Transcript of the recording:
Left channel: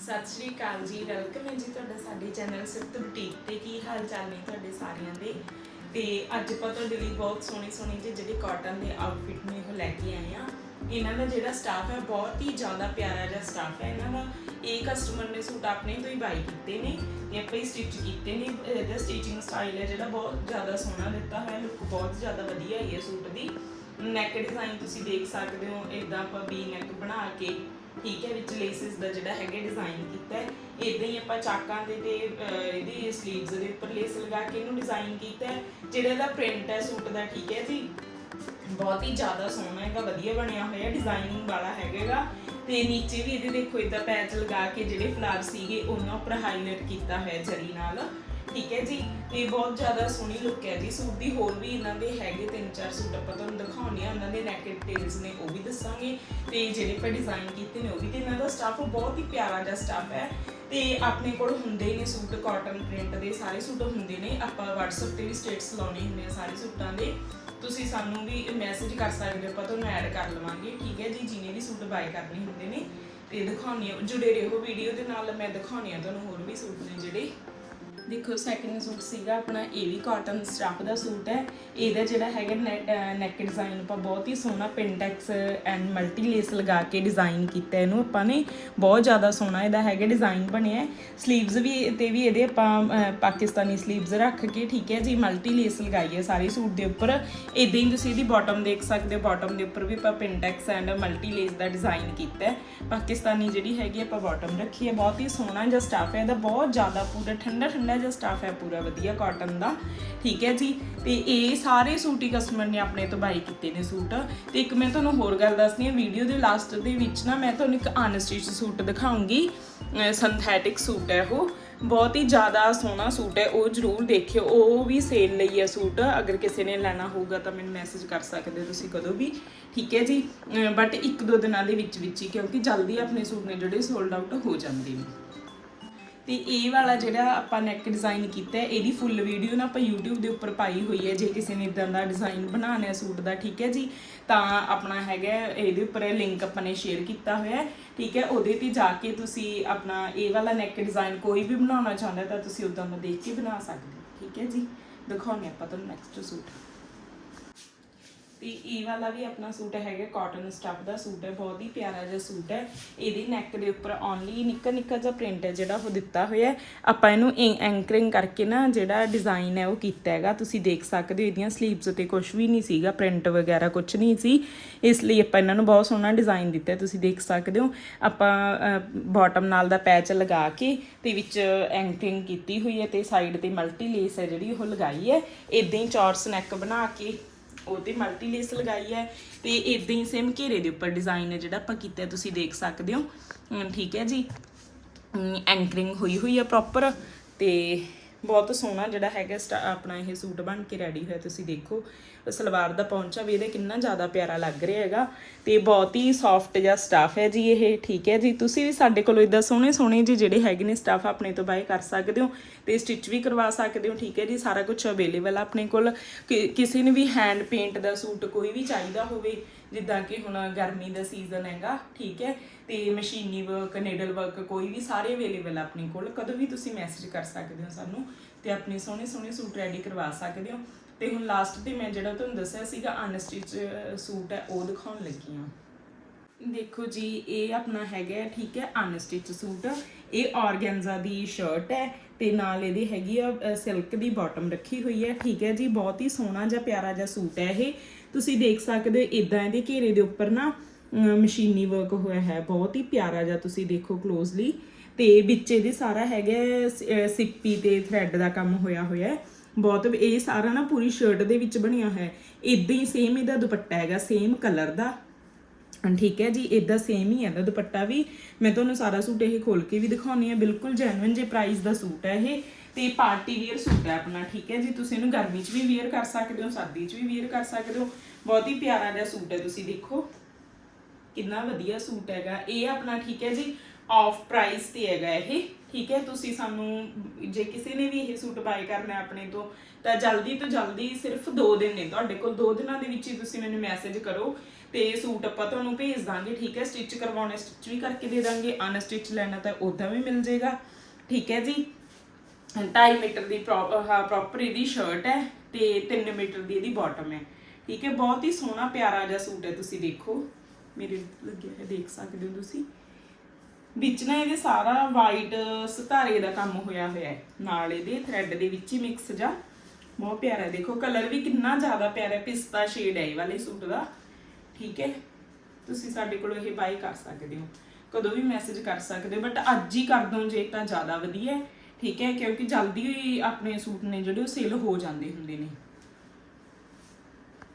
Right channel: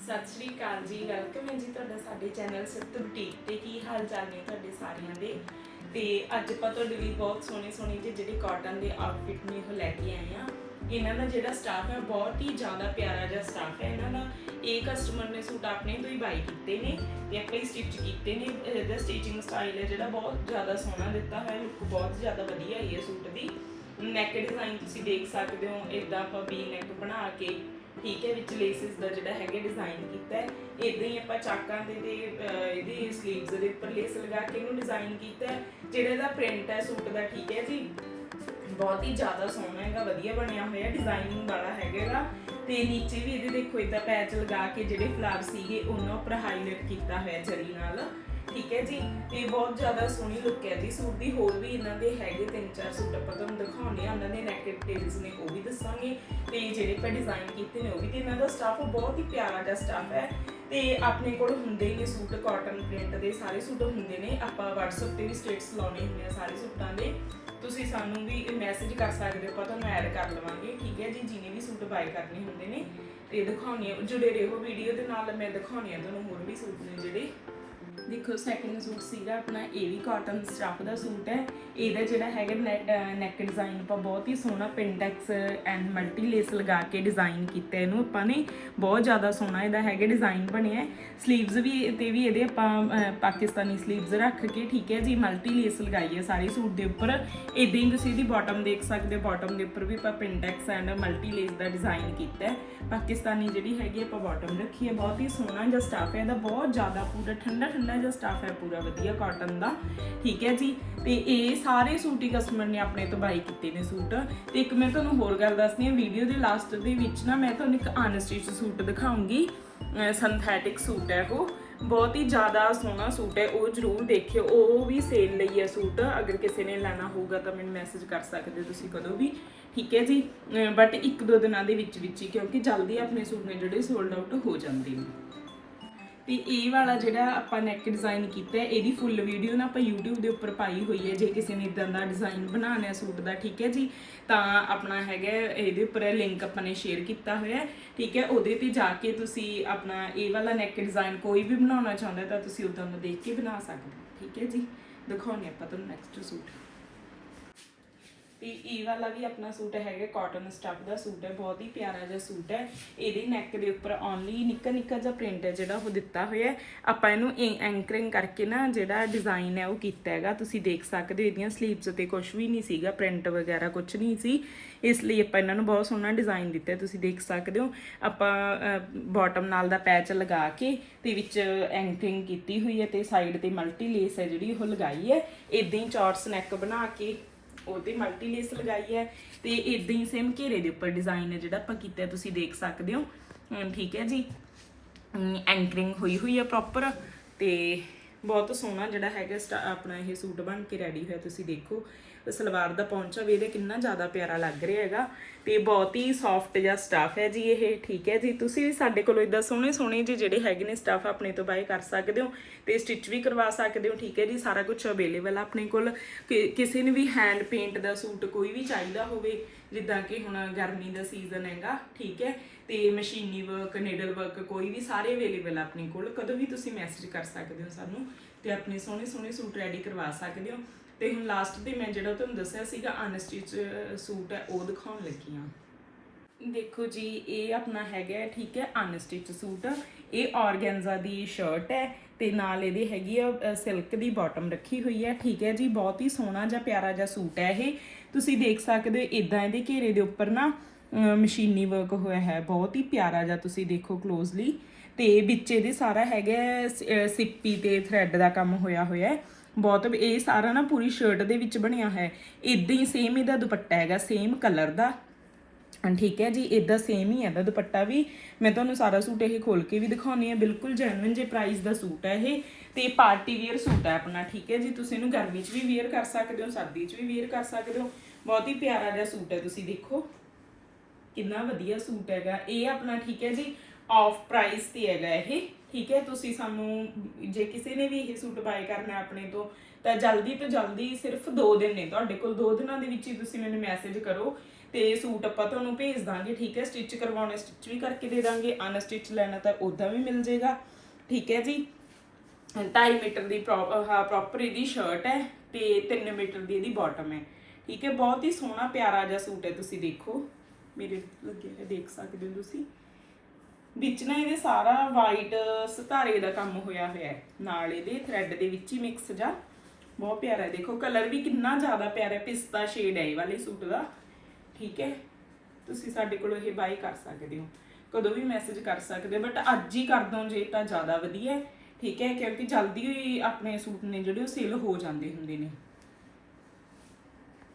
ਸਤਿ ਸ਼੍ਰੀ ਅਕਾਲ ਜੀ ਵੈਲਕਮ ਹੈ ਜੀ ਤੁਹਾਡਾ ਸਾਡੇ ਚੈਨਲ ਸਿਫਤ ਬੁਟੀਕ ਤੇ ਕੀ ਹਾਲ ਚਾਲ ਨੇ ਤੁਹਾਡੇ ਸਾਰਿਆਂ ਦੇ? ਤੇ ਅੱਜ ਆਪਾਂ ਤੁਹਾਡੇ ਲਈ ਬਹੁਤ ਸੋਹਣੇ ਸੋਹਣੇ ਜਿਹੇ ਜਿਹੜੇ ਕਾਟਨ ਦੇ ਆਊਟਫਿਟ ਨੇ ਉਹ ਲੈ ਕੇ ਆਏ ਆ ਇਹਨਾਂ ਦਾ ਜਿਹੜਾ ਸਟਾਫ ਹੈ, ਬਹੁਤ ਹੀ ਜ਼ਿਆਦਾ ਪਿਆਰਾ ਜਿਹਾ ਸਟਾਫ ਹੈ ਇਹਨਾਂ ਦਾ। ਇਹ ਕਸਟਮਰ ਨੇ ਸੂਟ ਆਪਣੇ ਤੋਂ ਹੀ ਬਾਈ ਕੀਤੇ ਨੇ ਤੇ ਆਪਾਂ ਹੀ ਸਟਿਚ ਕੀਤੇ ਨੇ। ਇਹਦਾ ਸਟਿਚਿੰਗ ਸਟਾਈਲ ਹੈ ਜਿਹੜਾ ਬਹੁਤ ਜ਼ਿਆਦਾ ਸੋਹਣਾ ਦਿੱਤਾ ਹੋਇਆ ਲੁੱਕ ਬਹੁਤ ਜ਼ਿਆਦਾ ਵਧੀਆ ਆਈ ਹੈ ਸੂਟ ਦੀ। ਨੈਕ ਡਿਜ਼ਾਈਨ ਤੁਸੀਂ ਦੇਖ ਸਕਦੇ ਹੋ ਇਦਾਂ ਆਪਾਂ ਵੀ ਨੈਕ ਬਣਾ ਕੇ ਠੀਕ ਹੈ, ਵਿੱਚ ਲੇਸਿਸ ਦਾ ਜਿਹੜਾ ਹੈਗਾ ਡਿਜ਼ਾਈਨ ਕੀਤਾ ਹੈ। ਇਦਾਂ ਹੀ ਆਪਾਂ ਚਾਕਾਂ ਦੇ ਤੇ ਇਹਦੀ ਸਲੀਵਸ ਦੇ ਉੱਪਰ ਲੇਸ ਲਗਾ ਕੇ ਇਹਨੂੰ ਡਿਜ਼ਾਈਨ ਕੀਤਾ ਹੈ। ਜਿਹੜਾ ਇਹਦਾ ਪ੍ਰਿੰਟ ਹੈ, ਸੂਟ ਦਾ, ਠੀਕ ਹੈ ਜੀ? ਬਹੁਤ ਹੀ ਜ਼ਿਆਦਾ ਸੋਹਣਾ ਹੈਗਾ, ਵਧੀਆ ਬਣਿਆ ਹੋਇਆ ਡਿਜ਼ਾਈਨਿੰਗ ਵਾਲਾ ਹੈਗਾਗਾ ਤੇ ਨੀਚੇ ਵੀ ਇਹਦੇ ਦੇਖੋ ਇਦਾਂ ਪੈਚ ਲਗਾ ਕੇ ਜਿਹੜੇ ਫਲਾਵਰ ਸੀਗੇ, ਉਹਨਾਂ ਉੱਪਰ ਹਾਈਲਾਈਟ ਕੀਤਾ ਹੋਇਆ ਜਰੀ ਨਾਲ। ਠੀਕ ਹੈ ਜੀ, ਤੇ ਬਹੁਤ ਜ਼ਿਆਦਾ ਸੋਹਣੀ ਲੁੱਕ ਹੈ ਜੀ। ਸੂਟ ਦੀ ਹੋਰ ਵੀ ਇਹਨਾਂ ਦੇ ਹੈਗੇ ਤਿੰਨ ਚਾਰ ਸੂਟ ਆਪਾਂ ਤੁਹਾਨੂੰ ਦਿਖਾਉਣੇ ਆ ਉਹਨਾਂ ਦੇ ਨੈਕ ਡਿਟੇਲਸ ਨੇ, ਉਹ ਵੀ ਦੱਸਾਂਗੇ। ਤੇ ਜਿਹੜੇ ਆਪਾਂ ਡਿਜ਼ਾਈਨ ਕੀਤੇ ਨੇ, ਉਹ ਵੀ ਤੇ ਇਹਨਾਂ ਦਾ ਸਟਾਫ ਬਹੁਤ ਹੀ ਪਿਆਰਾ ਜਿਹਾ ਸਟਾਫ ਹੈ। ਤੇ ਆਪਣੇ ਕੋਲ ਹੁੰਦੇ ਨੇ ਸੂਟ ਕਾਟਨ ਪ੍ਰਿੰਟ ਦੇ ਸਾਰੇ ਸੂਟ ਹੁੰਦੇ ਨੇ। ਆਪਾਂ WhatsApp ਤੇ ਵੀ ਸਟੇਟਸ ਲਾਉਣੇ ਹੁੰਦੇ ਆ ਸਾਰੇ ਸੂਟਾਂ ਦੇ। ਤੁਸੀਂ ਸਾਨੂੰ ਵੀ ਮੈਸੇਜ ਕਰ ਸਕਦੇ ਹੋ, ਆਪਾਂ ਤੁਹਾਨੂੰ ਐਡ ਕਰ ਲਵਾਂਗੇ। ਠੀਕ ਹੈ ਜੀ ਜਿਹਨੇ ਵੀ ਸੂਟ ਬਾਈ ਕਰਨੇ ਹੁੰਦੇ ਨੇ। ਤੇ ਦਿਖਾਉਣੀ ਆ ਜੁੜੇ ਰਹੋ ਵੀਡੀਓ ਦੇ ਨਾਲ, ਮੈਂ ਦਿਖਾਉਣੀ ਆ ਤੁਹਾਨੂੰ ਹੋਰ ਵੀ ਸੂਟ ਨੇ ਜਿਹੜੇ। ਦੇਖੋ ਸੈਕਿੰਡ ਸੂਟ ਸੀਗਾ ਆਪਣਾ, ਇਹ ਵੀ ਕਾਟਨ ਸਟਫ ਦਾ ਸੂਟ ਹੈ। ਇਹਦਾ ਜਿਹੜਾ ਹੈਗਾ ਨੈਕ ਡਿਜ਼ਾਈਨ ਆਪਾਂ ਬਹੁਤ ਹੀ ਸੋਹਣਾ ਪਿੰਡੈਕਸ ਐਂਡ ਮਲਟੀ ਲੇਸ ਲਗਾ ਕੇ ਡਿਜ਼ਾਈਨ ਕੀਤਾ ਇਹਨੂੰ। ਆਪਾਂ ਨੇ ਬਹੁਤ ਜ਼ਿਆਦਾ ਸੋਹਣਾ ਇਹਦਾ ਹੈਗਾ ਡਿਜ਼ਾਈਨ ਬਣਿਆ ਸਲੀਵਸ ਵੀ ਤੇ ਵੀ ਇਹਦੇ ਆਪਾਂ ਪਾਕਿਸਤਾਨੀ ਸਲੀਵਸ ਰੱਖ ਕੇ, ਠੀਕ ਹੈ ਜੀ ਮਲਟੀ ਲੇਸ ਲਗਾਈ ਹੈ ਸਾਰੇ ਸੂਟ ਦੇ ਉੱਪਰ। ਇਦਾਂ ਹੀ ਤੁਸੀਂ ਇਹਦੀ ਬਾਟਮ ਦੇਖ ਸਕਦੇ ਹੋ। ਬਾਟਮ ਦੇ ਉੱਪਰ ਵੀ ਆਪਾਂ ਪਿੰਡੈਕਸ ਐਂਡ ਮਲਟੀ ਲੇਸ ਦਾ ਡਿਜ਼ਾਈਨ ਕੀਤਾ ਪਾਕਿਸਤਾਨੀ ਜਿਹੜੀ ਹੈਗੀ ਆਪਾਂ ਬਾਟਮ ਰੱਖੀ ਹੈ। ਬਹੁਤ ਹੀ ਸੋਹਣਾ ਜਿਹਾ ਸਟਾਫ ਹੈ। ਇਹਦਾ ਬਹੁਤ ਜ਼ਿਆਦਾ ਪੂਰਾ ਠੰਡਾ ਠੰਡਾ ਜਿਹਾ ਸਟਾਫ ਹੈ ਪੂਰਾ ਵਧੀਆ ਕਾਟਨ ਦਾ। ਠੀਕ ਹੈ ਜੀ? ਤੇ ਇਹ ਸਾਰੇ ਸੂਟ ਹੀ ਕਸਟਮਰ ਨੇ ਆਪਣੇ ਤੋਂ ਬਾਈ ਕੀਤੇ ਨੇ ਸੂਟ ਤੇ ਇੱਕ ਮੈਂ ਤੁਹਾਨੂੰ ਹੋਰ ਗੱਲ ਦੱਸਣੀ ਹੈ ਵੀਡੀਓ ਦੇ ਲਾਸਟ ਦੇ ਵਿੱਚ ਨਾ ਮੈਂ ਤੁਹਾਨੂੰ ਇੱਕ ਅਨਸਟਿਚ ਸੂਟ ਦਿਖਾਉਂਗੀ। ਸਿੰਥੈਟਿਕ ਸੂਟ ਹੈ ਉਹ। ਬਹੁਤ ਹੀ ਜ਼ਿਆਦਾ ਸੋਹਣਾ ਸੂਟ ਹੈ, ਉਹ ਜਰੂਰ ਦੇਖਿਓ। ਉਹ ਵੀ ਸੇਲ ਲਈ ਹੈ ਸੂਟ ਅਗਰ ਕਿਸੇ ਨੇ ਲੈਣਾ ਹੋਊਗਾ ਤਾਂ ਮੈਨੂੰ ਮੈਸੇਜ ਕਰ ਸਕਦੇ ਹੋ ਤੁਸੀਂ ਕਦੋਂ ਵੀ। ਠੀਕ ਹੈ ਜੀ? ਬਟ ਇੱਕ ਦੋ ਦਿਨਾਂ ਦੇ ਵਿੱਚ ਵਿੱਚ ਹੀ, ਕਿਉਂਕਿ ਜਲਦੀ ਆਪਣੇ ਸੂਟ ਨੇ ਜਿਹੜੇ ਸੋਲਡ ਆਊਟ ਹੋ ਜਾਂਦੇ ਨੇ। ਤੇ ਇਹ ਵਾਲਾ ਜਿਹੜਾ ਆਪਾਂ ਨੈਕ ਡਿਜ਼ਾਈਨ ਕੀਤਾ ਹੈ, ਇਹਦੀ ਫੁੱਲ ਵੀਡੀਓ ਨਾ ਆਪਾਂ YouTube ਦੇ ਉੱਪਰ ਪਾਈ ਹੋਈ ਹੈ, ਜੇ ਕਿਸੇ ਨੇ ਇਦਾਂ ਦਾ ਡਿਜ਼ਾਈਨ ਬਣਾਉਣਾ ਹੈ, ਸੂਟ ਦਾ, ਠੀਕ ਹੈ ਜੀ? ਤਾਂ ਆਪਣਾ ਹੈਗਾ ਇਹਦੇ ਉੱਪਰ ਲਿੰਕ ਆਪਾਂ ਨੇ ਸ਼ੇਅਰ ਕੀਤਾ ਹੋਇਆ ਹੈ, ਠੀਕ ਹੈ? ਉਹਦੇ ਤੇ ਜਾ ਕੇ ਤੁਸੀਂ ਆਪਣਾ ਇਹ ਵਾਲਾ ਨੈਕ ਡਿਜ਼ਾਈਨ ਕੋਈ ਵੀ ਬਣਾਉਣਾ ਚਾਹੁੰਦਾ ਤਾਂ ਤੁਸੀਂ ਉਦਾਂ ਨੂੰ ਦੇਖ ਕੇ ਬਣਾ ਸਕਦੇ ਹੋ, ਠੀਕ ਹੈ ਜੀ? ਦਿਖਾਉਂਦੇ ਆਪਾਂ ਤੁਹਾਨੂੰ ਨੈਕਸਟ ਸੂਟ। ਤੇ ਇਹ ਵਾਲਾ ਵੀ ਆਪਣਾ ਸੂਟ ਹੈਗਾ ਕਾਟਨ ਸਟਫ ਦਾ ਸੂਟ ਹੈ, ਬਹੁਤ ਹੀ ਪਿਆਰਾ ਜਿਹਾ ਸੂਟ ਹੈ। ਇਹਦੇ ਨੈਕ ਦੇ ਉੱਪਰ ਓਨਲੀ ਨਿੱਕਾ ਨਿੱਕਾ ਜਿਹਾ ਪ੍ਰਿੰਟ ਹੈ ਜਿਹੜਾ ਉਹ ਦਿੱਤਾ ਹੋਇਆ ਆਪਾਂ ਇਹਨੂੰ ਐਂਕਰਿੰਗ ਕਰਕੇ ਨਾ ਜਿਹੜਾ ਡਿਜ਼ਾਈਨ ਹੈ ਉਹ ਕੀਤਾ ਹੈਗਾ। ਤੁਸੀਂ ਦੇਖ ਸਕਦੇ ਹੋ ਇਹਦੀਆਂ ਸਲੀਵਸ ਤੇ ਕੁਝ ਵੀ ਨਹੀਂ ਸੀਗਾ ਪ੍ਰਿੰਟ ਵਗੈਰਾ ਕੁਝ ਨਹੀਂ ਸੀ। ਇਸ ਲਈ ਆਪਾਂ ਇਹਨਾਂ ਨੂੰ ਬਹੁਤ ਸੋਹਣਾ ਡਿਜ਼ਾਈਨ ਦਿੱਤਾ ਤੁਸੀਂ ਦੇਖ ਸਕਦੇ ਹੋ, ਆਪਾਂ ਬਾਟਮ ਨਾਲ ਦਾ ਪੈਚ ਲਗਾ ਕੇ ਤੇ ਵਿੱਚ ਐਂਕਰਿੰਗ ਕੀਤੀ ਹੋਈ ਹੈ ਤੇ ਸਾਈਡ ਤੇ ਮਲਟੀ ਲੇਸ ਹੈ ਜਿਹੜੀ ਉਹ ਲਗਾਈ ਹੈ। ਇਦਾਂ ਹੀ ਚੌਰਸ ਨੈਕ ਬਣਾ ਕੇ ਉਹਤੇ ਮਲਟੀ ਲੇਸ ਲਗਾਈ ਹੈ ਤੇ ਇਦਾਂ ਹੀ ਸੇਮ ਘੇਰੇ ਦੇ ਉੱਪਰ ਡਿਜ਼ਾਈਨ ਹੈ ਜਿਹੜਾ ਆਪਾਂ ਕੀਤਾ ਤੁਸੀਂ ਦੇਖ ਸਕਦੇ ਹੋ। ਠੀਕ ਹੈ ਜੀ। ਐਂਕਰਿੰਗ ਹੋਈ ਹੋਈ ਹੈ ਪ੍ਰੋਪਰ ਤੇ ਬਹੁਤ ਸੋਹਣਾ ਜਿਹੜਾ ਹੈਗਾ ਸਟਾ- ਆਪਣਾ ਇਹ ਸੂਟ ਬਣ ਕੇ ਰੈਡੀ ਹੋਇਆ, ਤੁਸੀਂ ਦੇਖੋ। ਉਹ ਸਲਵਾਰ ਦਾ ਪਹੁੰਚਾ ਵੀ ਇਹਦਾ ਕਿੰਨਾ ਜ਼ਿਆਦਾ ਪਿਆਰਾ ਲੱਗ ਰਿਹਾ ਹੈਗਾ। ਤੇ ਬਹੁਤ ਹੀ ਸੌਫਟ ਜਿਹਾ ਸਟਾਫ ਹੈ ਜੀ ਇਹ, ਠੀਕ ਹੈ ਜੀ। ਤੁਸੀਂ ਵੀ ਸਾਡੇ ਕੋਲੋਂ ਇਦਾਂ ਸੋਹਣੇ ਸੋਹਣੇ ਜੀ ਜਿਹੜੇ ਹੈਗੇ ਨੇ ਸਟਾਫ ਆਪਣੇ ਤੋਂ ਬਾਏ ਕਰ ਸਕਦੇ ਹੋ ਤੇ ਸਟਿਚ ਵੀ ਕਰਵਾ ਸਕਦੇ ਹੋ, ਠੀਕ ਹੈ ਜੀ। ਸਾਰਾ ਕੁਝ ਅਵੇਲੇਬਲ ਆ ਆਪਣੇ ਕੋਲ। ਕਿ- ਕਿਸੇ ਨੇ ਵੀ ਹੈਂਡ ਪੇਂਟ ਦਾ ਸੂਟ ਕੋਈ ਵੀ ਚਾਹੀਦਾ ਹੋਵੇ ਜਿੱਦਾਂ ਕਿ ਹੁਣ ਗਰਮੀ ਦਾ ਸੀਜ਼ਨ ਹੈਗਾ, ਠੀਕ ਹੈ, ਤੇ ਮਸ਼ੀਨੀ ਵਰਕ ਨੀਡਲ ਵਰਕ ਕੋਈ ਵੀ ਸਾਰੇ ਅਵੇਲੇਬਲ ਆਪਣੇ ਕੋਲ, ਕਦੋਂ ਵੀ ਤੁਸੀਂ ਮੈਸੇਜ ਕਰ ਸਕਦੇ ਹੋ ਸਾਨੂੰ ਤੇ ਆਪਣੇ ਸੋਹਣੇ ਸੋਹਣੇ ਸੂਟ ਰੈਡੀ ਕਰਵਾ ਸਕਦੇ ਹੋ। ਤੇ ਹੁਣ ਲਾਸਟ ਤੇ ਮੈਂ ਜਿਹੜਾ ਤੁਹਾਨੂੰ ਦੱਸਿਆ ਸੀਗਾ ਅਨਸਟਿਚ ਸੂਟ ਹੈ, ਉਹ ਦਿਖਾਉਣ ਲੱਗੀ ਹਾਂ। ਦੇਖੋ ਜੀ, ਇਹ ਆਪਣਾ ਹੈਗਾ, ਠੀਕ ਹੈ ਅਨਸਟਿਚ ਸੂਟ। ਇਹ ਔਰਗੈਂਜਾ ਦੀ ਸ਼ਰਟ ਹੈ ਤੇ ਨਾਲ ਇਹਦੀ ਹੈਗੀ ਆ ਸਿਲਕ ਦੀ ਬਾਟਮ ਰੱਖੀ ਹੋਈ ਹੈ, ਠੀਕ ਹੈ ਜੀ, ਬਹੁਤ ਹੀ ਸੋਹਣਾ ਜਿਹਾ ਪਿਆਰਾ ਜਿਹਾ ਸੂਟ ਹੈ ਇਹ। ਤੁਸੀਂ ਦੇਖ ਸਕਦੇ ਹੋ ਇਦਾਂ ਇਹਦੇ ਘੇਰੇ ਦੇ ਉੱਪਰ ਨਾ ਮਸ਼ੀਨੀ ਵਰਕ ਹੋਇਆ ਹੈ, ਬਹੁਤ ਹੀ ਪਿਆਰਾ ਜਿਹਾ ਤੁਸੀਂ ਦੇਖੋ ਕਲੋਜ਼ਲੀ ਤੇ ਵਿੱਚ ਇਹਦੇ ਸਾਰਾ ਹੈਗਾ ਸਿੱਪੀ ਤੇ ਥ੍ਰੈਡ ਦਾ ਕੰਮ ਹੋਇਆ ਹੋਇਆ ਬਹੁਤ ਇਹ ਸਾਰਾ ਨਾ ਪੂਰੀ ਸ਼ਰਟ ਦੇ ਵਿੱਚ ਬਣਿਆ ਹੈ। ਇਦਾਂ ਹੀ ਸੇਮ ਇਹਦਾ ਦੁਪੱਟਾ ਹੈਗਾ ਸੇਮ ਕਲਰ ਦਾ। ਠੀਕ ਹੈ ਜੀ ਇਦਾਂ ਸੇਮ ਹੀ ਹੈ ਦਾ ਦੁਪੱਟਾ ਵੀ। ਮੈਂ ਤੁਹਾਨੂੰ ਸਾਰਾ ਸੂਟ ਇਹ ਖੋਲ ਕੇ ਵੀ ਦਿਖਾਉਣੀ ਹੈ, ਬਿਲਕੁਲ ਜੈਨੂਇਨ ਜੇ ਪ੍ਰਾਈਸ ਦਾ ਸੂਟ ਹੈ ਇਹ। ਤੇ ਪਾਰਟੀ ਵੇਅਰ ਸੂਟ ਹੈ ਆਪਣਾ, ਠੀਕ ਹੈ ਜੀ? ਤੁਸੀਂ ਇਹਨੂੰ ਗਰਮੀ 'ਚ ਵੀ ਵੇਅਰ ਕਰ ਸਕਦੇ ਹੋ, ਸਰਦੀ 'ਚ ਵੀ ਵੇਅਰ ਕਰ ਸਕਦੇ ਹੋ। ਬਹੁਤ ਹੀ ਪਿਆਰਾ ਜਿਹਾ ਸੂਟ ਹੈ, ਤੁਸੀਂ ਦੇਖੋ। ਕਿੰਨਾ ਵਧੀਆ ਸੂਟ ਹੈਗਾ। ਇਹ ਆਪਣਾ, ਠੀਕ ਹੈ ਜੀ? ਆਫ ਪ੍ਰਾਈਸ ਤੇ ਹੈਗਾ ਇਹ, ਠੀਕ ਹੈ? ਤੁਸੀਂ ਸਾਨੂੰ, ਜੇ ਕਿਸੇ ਨੇ ਵੀ ਇਹ ਸੂਟ ਬਾਏ ਕਰਨਾ ਆਪਣੇ ਤੋਂ, ਤਾਂ ਜਲਦੀ ਤੋਂ ਜਲਦੀ ਸਿਰਫ 2 ਦਿਨ ਨੇ। ਤੁਹਾਡੇ ਕੋਲ 2 ਦਿਨਾਂ ਦੇ ਵਿੱਚ ਹੀ ਤੁਸੀਂ ਮੈਨੂੰ ਮੈਸੇਜ ਕਰੋ ਤੇ ਸੂਟ ਆਪਾਂ ਤੁਹਾਨੂੰ ਭੇਜ ਦਾਂਗੇ, ਠੀਕ ਹੈ? ਸਟਿਚ ਕਰਵਾਉਣਾ ਸਟਿਚ ਵੀ ਕਰਕੇ ਦੇ ਦਾਂਗੇ। ਅਨਸਟਿਚ ਲੈਣਾ ਤਾਂ ਉਦਾਂ ਵੀ ਮਿਲ ਜਾਏਗਾ ਠੀਕ ਹੈ ਜੀ? 2.5 ਮੀਟਰ ਦੀ ਪ੍ਰੋਪਰ ਇਹਦੀ ਸ਼ਰਟ ਹੈ ਤੇ 3 ਮੀਟਰ ਦੀ ਇਹਦੀ ਬਾਟਮ ਹੈ। ਠੀਕ ਹੈ, ਬਹੁਤ ਹੀ ਸੋਹਣਾ ਪਿਆਰਾ ਜਿਹਾ ਸੂਟ ਹੈ, ਤੁਸੀਂ ਦੇਖੋ। ਮੇਰੇ ਲੱਗਿਆ ਹੈ ਦੇਖ ਸਕਦੇ ਹੋ ਤੁਸੀਂ। ਵਿੱਚ ਨਾ ਇਹਦੇ ਸਾਰਾ ਵਾਈਟ ਸਤਾਰੇ ਦਾ ਕੰਮ ਹੋਇਆ ਹੋਇਆ ਹੈ। ਨਾਲ ਇਹਦੇ ਥ੍ਰੈਡ ਦੇ ਵਿੱਚ ਹੀ ਮਿਕਸ ਜਾ ਬਹੁਤ ਪਿਆਰਾ ਹੈ, ਦੇਖੋ ਕਲਰ ਵੀ ਕਿੰਨਾ ਜ਼ਿਆਦਾ ਪਿਆਰਾ ਹੈ, ਪਿਸਤਾ ਸ਼ੇਡ ਹੈ ਇਹ ਵਾਲੇ ਸੂਟ ਦਾ। ਠੀਕ ਹੈ, ਤੁਸੀਂ ਸਾਡੇ ਕੋਲੋਂ ਇਹ ਬਾਈ ਕਰ ਸਕਦੇ ਹੋ। ਕਦੋਂ ਵੀ ਮੈਸੇਜ ਕਰ ਸਕਦੇ ਹੋ ਬਟ ਅੱਜ ਹੀ ਕਰ ਦੋ ਜੇ ਤਾਂ ਜ਼ਿਆਦਾ ਵਧੀਆ ਹੈ। ਠੀਕ ਹੈ ਕਿਉਂਕਿ ਜਲਦੀ ਆਪਣੇ ਸੂਟ ਨੇ ਜਿਹੜੇ ਉਹ ਸੇਲ ਹੋ ਜਾਂਦੇ ਹੁੰਦੇ ਨੇ।